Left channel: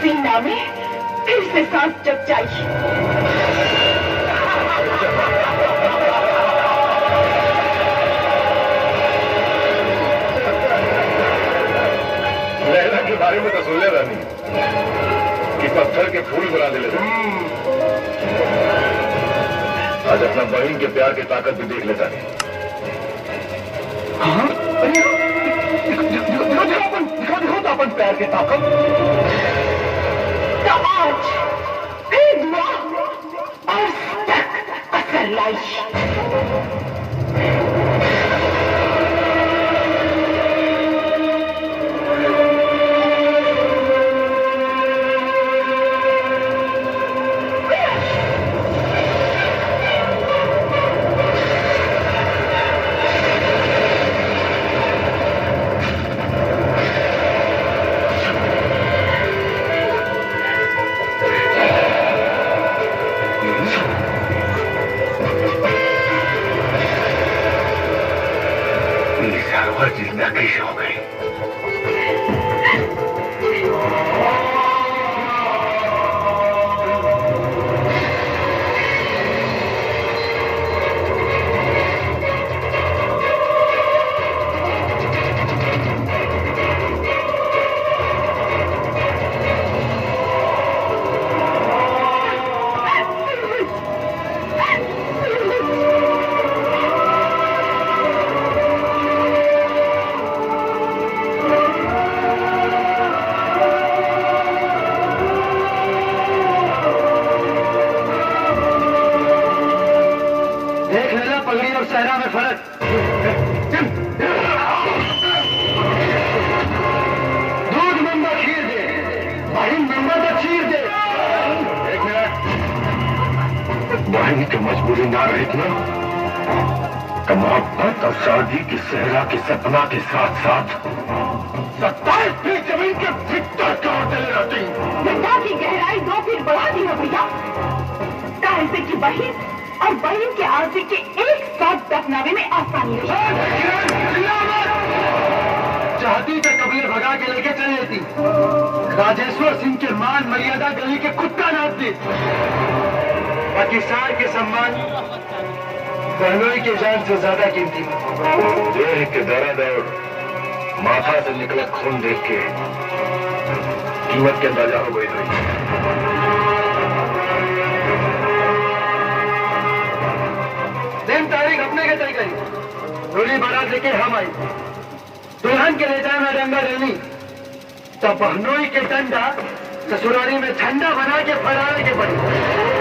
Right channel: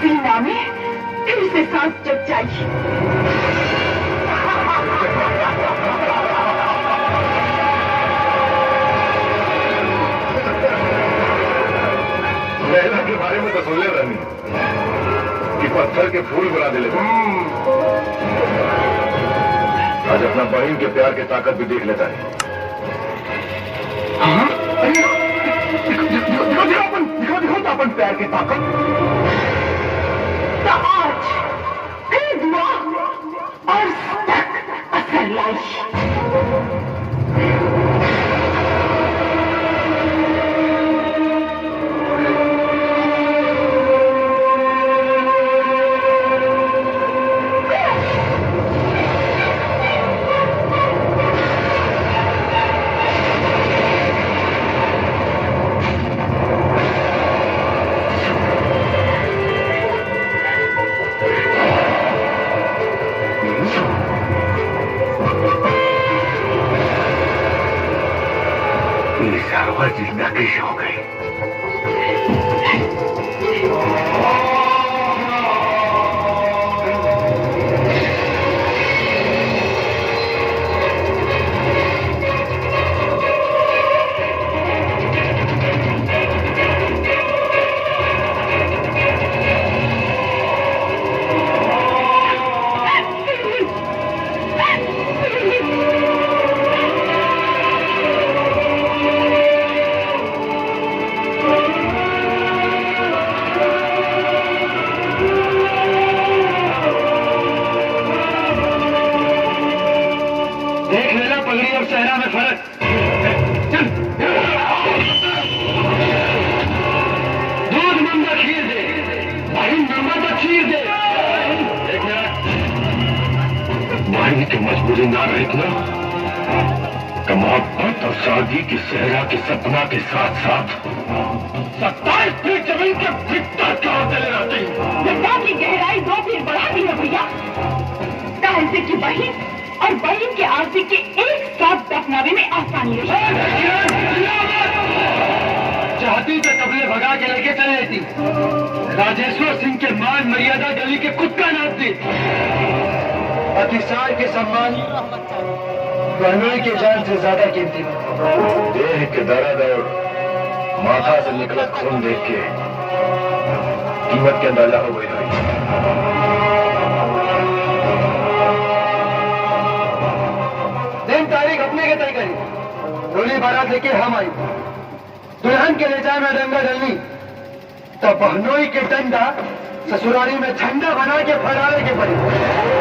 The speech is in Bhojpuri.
सीमा में फिर से सांस जग जाई। लैला के बारे में तो सुन ले रानी कि पत्थर के फूल बना दे। आज अपना बहन के प्यार की ताकत भी देख लेता है। हाँ? दिखो तो अपन प्यार की ताकत। तो आज फिर दुआ और तक असर लाई। जिंदा कैसे हो गई? सहरा में फर्क। दूध मंदा खीर दे, भाई मंदा तो खीर दे। भाई की मजबूरी ना रही ना, मोहब्बत और शादी की सहरा के सपना के साथ साथ 27 फीट जमीन के भीतर कहाँ चले रहते हैं। गंगा की गहराई 2 फीट बढ़ा दी है भैया। कांसे की बहन और बहन के आरती के एक साथ दफनावे में आसानी रही। चाहती तो कबले भगा के लेके चले थी। राजेश्वर सिंह के मान मर्यादा गली के कुत्ता नाप दी। पाकिस्तान के सम्मान बहनोई के जान से ज्यादा कीमती है। देह के दर्द और माथा से निकला खून देख के कीमत के अंदाजा हो गई था। दिन तारीख अपने के तय करी, गोली बारात लेके हम आई। दुल्हन के ले जाए में डंगा डलनी तो बहनोई के डंडा ससुरारी में झंडा बना के फहराने के पड़ी।